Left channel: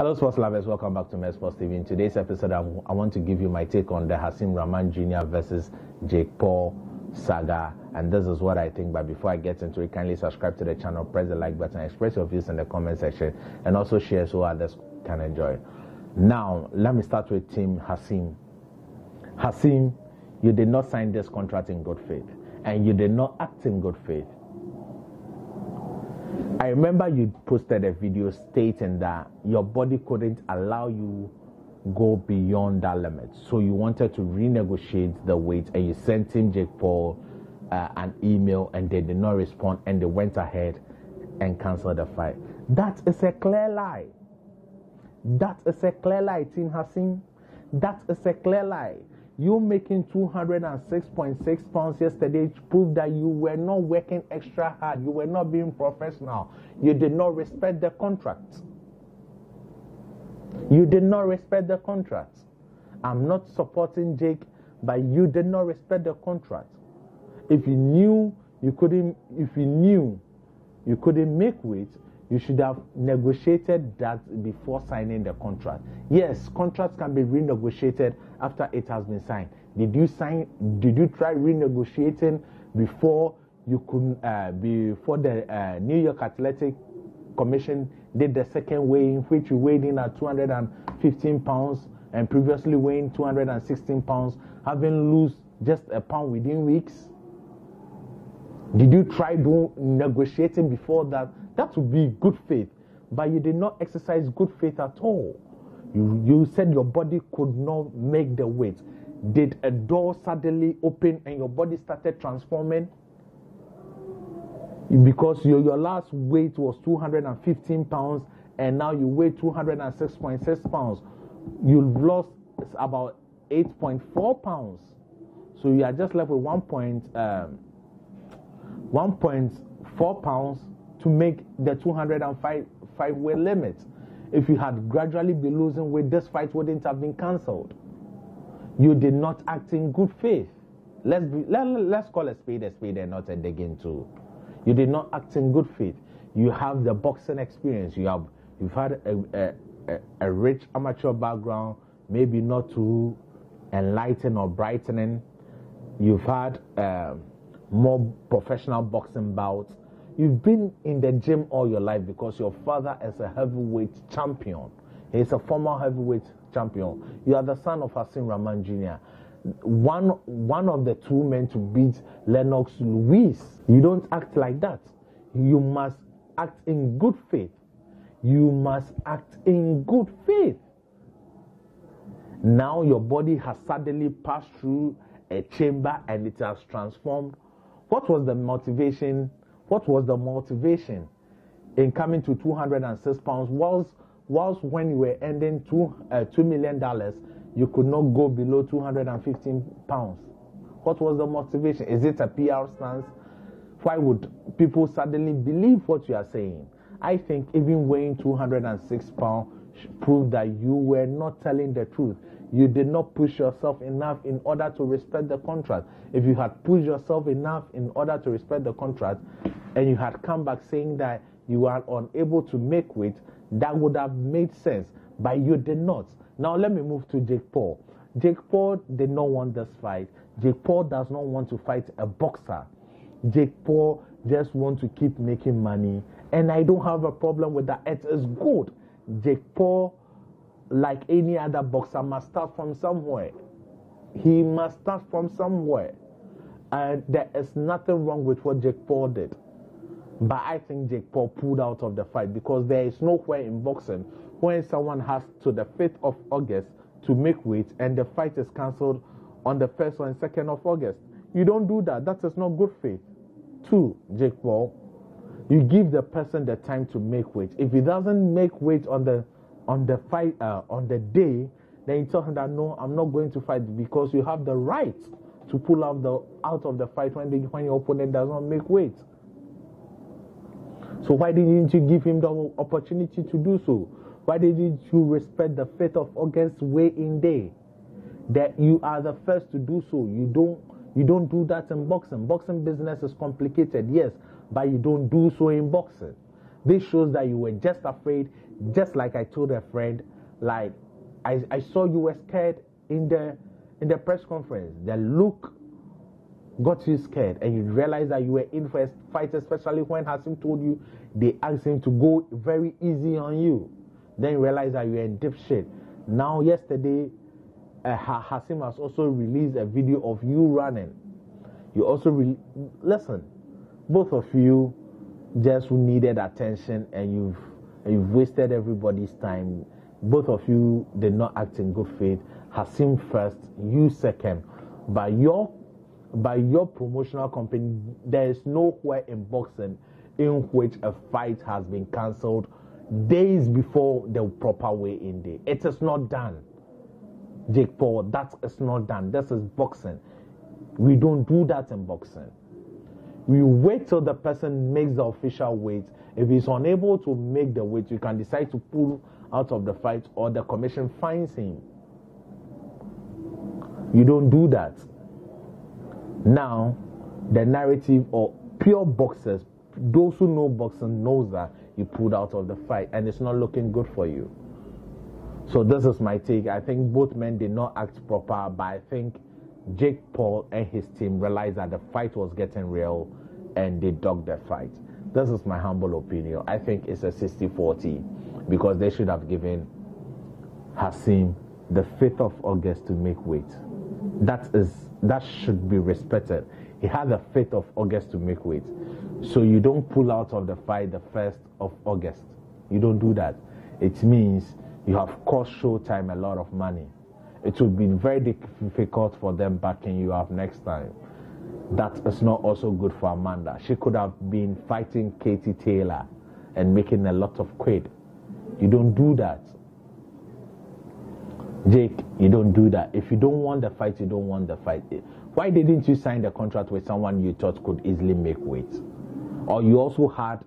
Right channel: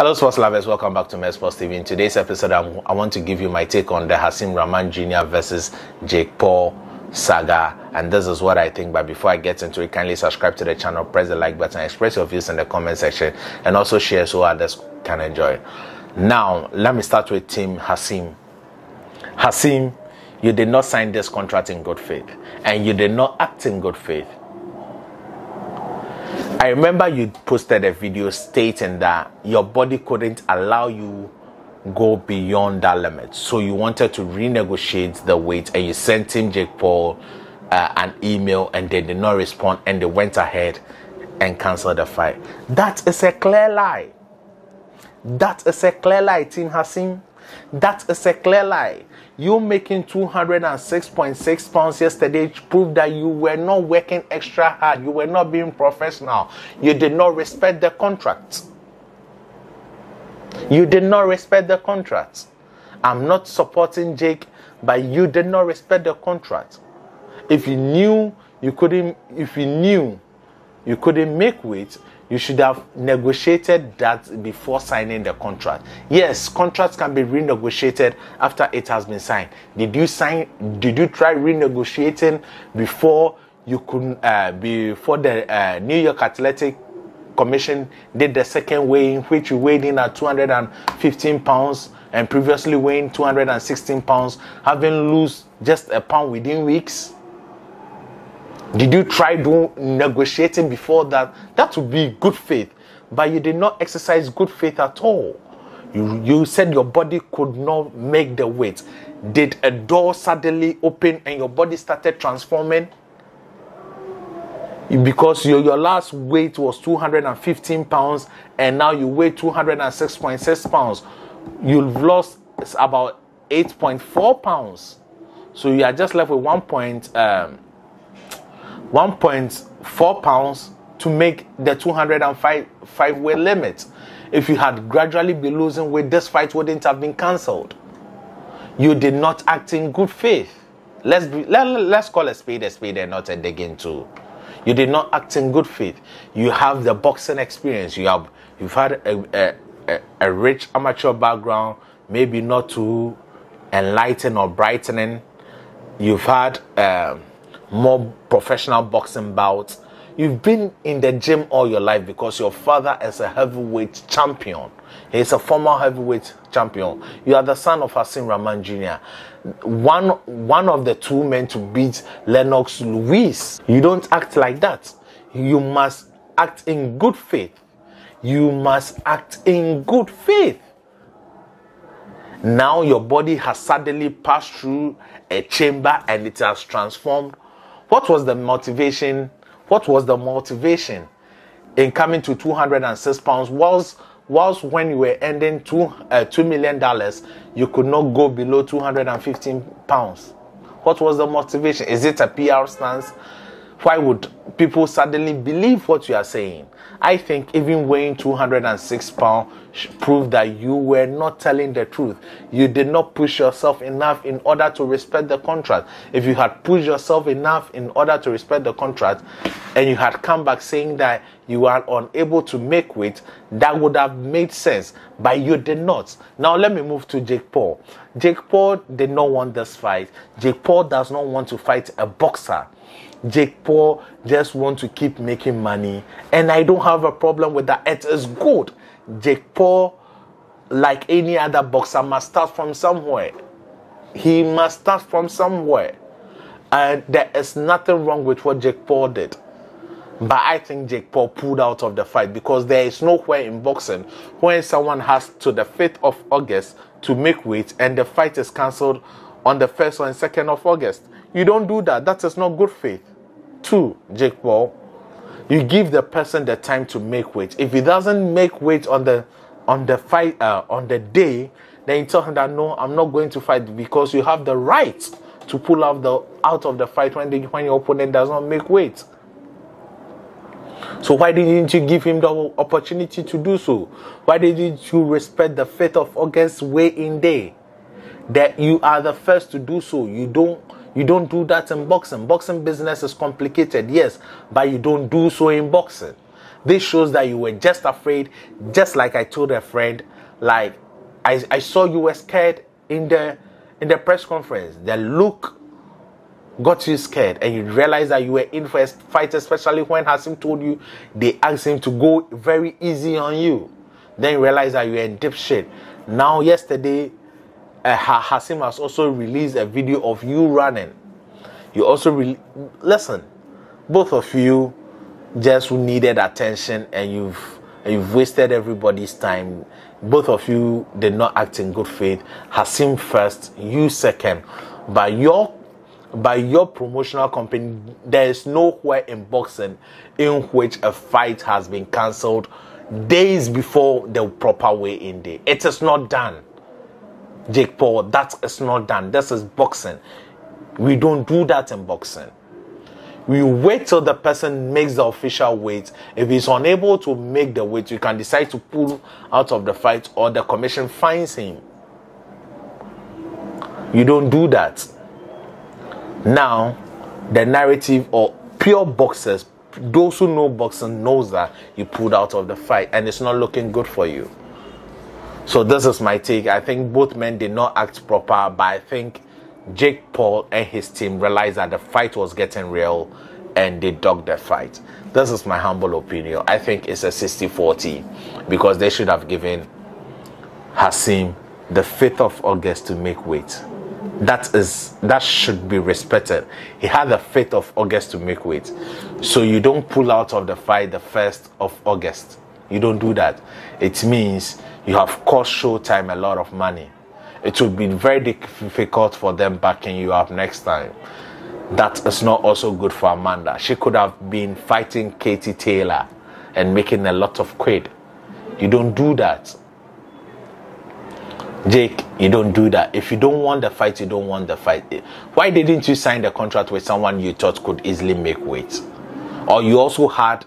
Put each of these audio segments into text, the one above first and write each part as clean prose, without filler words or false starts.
Hello sports lovers, welcome back to Med Sports TV. In today's episode, I want to give you my take on the Hasim Rahman Jr. versus Jake Paul saga, and this is what I think. But before I get into it, kindly subscribe to the channel, press the like button, express your views in the comment section, and also share so others can enjoy. Now, let me start with Team Hasim. Hasim, you did not sign this contract in good faith, and you did not act in good faith. I remember you posted a video stating that your body couldn't allow you go beyond that limit, so you wanted to renegotiate the weight, and you sent Team Jake Paul an email, and they did not respond, and they went ahead and canceled the fight. That is a clear lie. That is a clear lie, Team Hasim. That is a clear lie. You making 206.6 pounds yesterday proved that you were not working extra hard. You were not being professional. You did not respect the contract. You did not respect the contract. I'm not supporting Jake, but you did not respect the contract. If you knew you couldn't make weight, you should have negotiated that before signing the contract. Yes, contracts can be renegotiated after it has been signed. Did you try renegotiating before before the New York Athletic Commission did the second weigh-in, which you weighed in at 215 pounds and previously weighing 216 pounds, having lost just a pound within weeks? Did you try negotiating before that? That would be good faith, but you did not exercise good faith at all. You said your body could not make the weight. Did a door suddenly open and your body started transforming? Because your last weight was 215 pounds and now you weigh 206.6 pounds. You've lost about 8.4 pounds. So you are just left with 1.4 pounds to make the 205 weight limit. If you had gradually been losing weight, this fight wouldn't have been cancelled. You did not act in good faith. Let's call a spade and not a digging tool. You did not act in good faith. You have the boxing experience. You've had a rich amateur background, maybe not too enlightening or brightening. You've had more professional boxing bouts. You've been in the gym all your life because your father is a heavyweight champion. He's a former heavyweight champion. You are the son of Hasim Rahman Jr., one of the two men to beat Lennox Lewis. You don't act like that. You must act in good faith. You must act in good faith. Now your body has suddenly passed through a chamber and it has transformed. What was the motivation? What was the motivation in coming to 206 pounds? Was when you were ending $2 million, you could not go below 215 pounds. What was the motivation? Is it a PR stance? Why would people suddenly believe what you are saying? I think even weighing 206 pounds proved that you were not telling the truth. You did not push yourself enough in order to respect the contract. If you had pushed yourself enough in order to respect the contract, and you had come back saying that you were unable to make weight, that would have made sense, but you did not. Now let me move to Jake Paul. Jake Paul did not want this fight. Jake Paul does not want to fight a boxer. Jake Paul just wants to keep making money, and I don't have a problem with that. It is good. Jake Paul, like any other boxer, must start from somewhere. He must start from somewhere. And there is nothing wrong with what Jake Paul did. But I think Jake Paul pulled out of the fight because there is nowhere in boxing when someone has to the 5th of August to make weight and the fight is cancelled on the 1st or 2nd of August. You don't do that. That is not good faith. 2, Jake Paul, you give the person the time to make weight. If he doesn't make weight on the fight on the day, then you tell him that no, I'm not going to fight, because you have the right to pull out of the fight when your opponent does not make weight. So why didn't you give him the opportunity to do so? Why didn't you respect the 5th of August weigh-in day? That you are the first to do so. You don't do that in boxing. Boxing business is complicated, yes, but you don't do so in boxing. This shows that you were just afraid, just like I told a friend, like I saw you were scared in the press conference. The look got you scared, and you realized that you were in for a fight, especially when Hasim told you they asked him to go very easy on you. Then you realize that you're in deep shit. Now, yesterday, Hasim has also released a video of you running. You also listen, both of you just needed attention, and you've wasted everybody's time. Both of you did not act in good faith. Hasim first, you second. By your promotional company, there is nowhere in boxing in which a fight has been cancelled days before the proper weigh-in day. It is not done. Jake Paul, that is not done. This is boxing. We don't do that in boxing. We wait till the person makes the official weight. If he's unable to make the weight, you can decide to pull out of the fight, or the commission fines him. You don't do that. Now, the narrative or pure boxers, those who know boxing knows that you pulled out of the fight and it's not looking good for you. So this is my take. I think both men did not act proper, but I think Jake Paul and his team realized that the fight was getting real and they dogged the fight. This is my humble opinion. I think it's a 60-40 because they should have given Hasim the 5th of August to make weight. That should be respected. He had the 5th of August to make weight. So you don't pull out of the fight the 1st of August. You don't do that. It means you have cost Showtime a lot of money. It would be very difficult for them backing you up next time. That is not also good for Amanda. She could have been fighting Katie Taylor and making a lot of quid. You don't do that. Jake, you don't do that. If you don't want the fight, you don't want the fight. Why didn't you sign the contract with someone you thought could easily make weight? Or you also had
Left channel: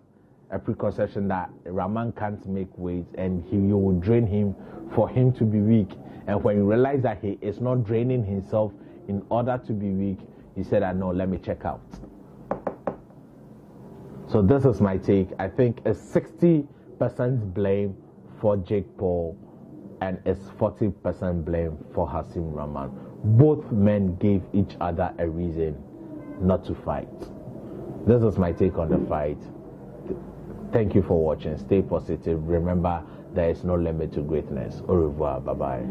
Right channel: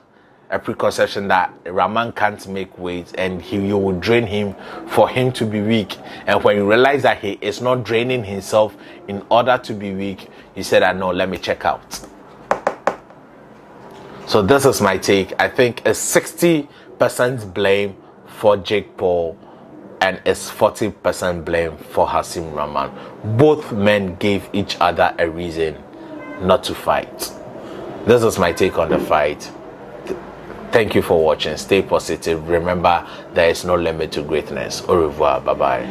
a preconception that Rahman can't make weight and you will drain him for him to be weak. And when you realize that he is not draining himself in order to be weak, you said, no, let me check out. So this is my take. I think it's 60% blame for Jake Paul and it's 40% blame for Hasim Rahman. Both men gave each other a reason not to fight. This is my take on the fight. Thank you for watching. Stay positive. Remember, there is no limit to greatness. Au revoir. Bye-bye.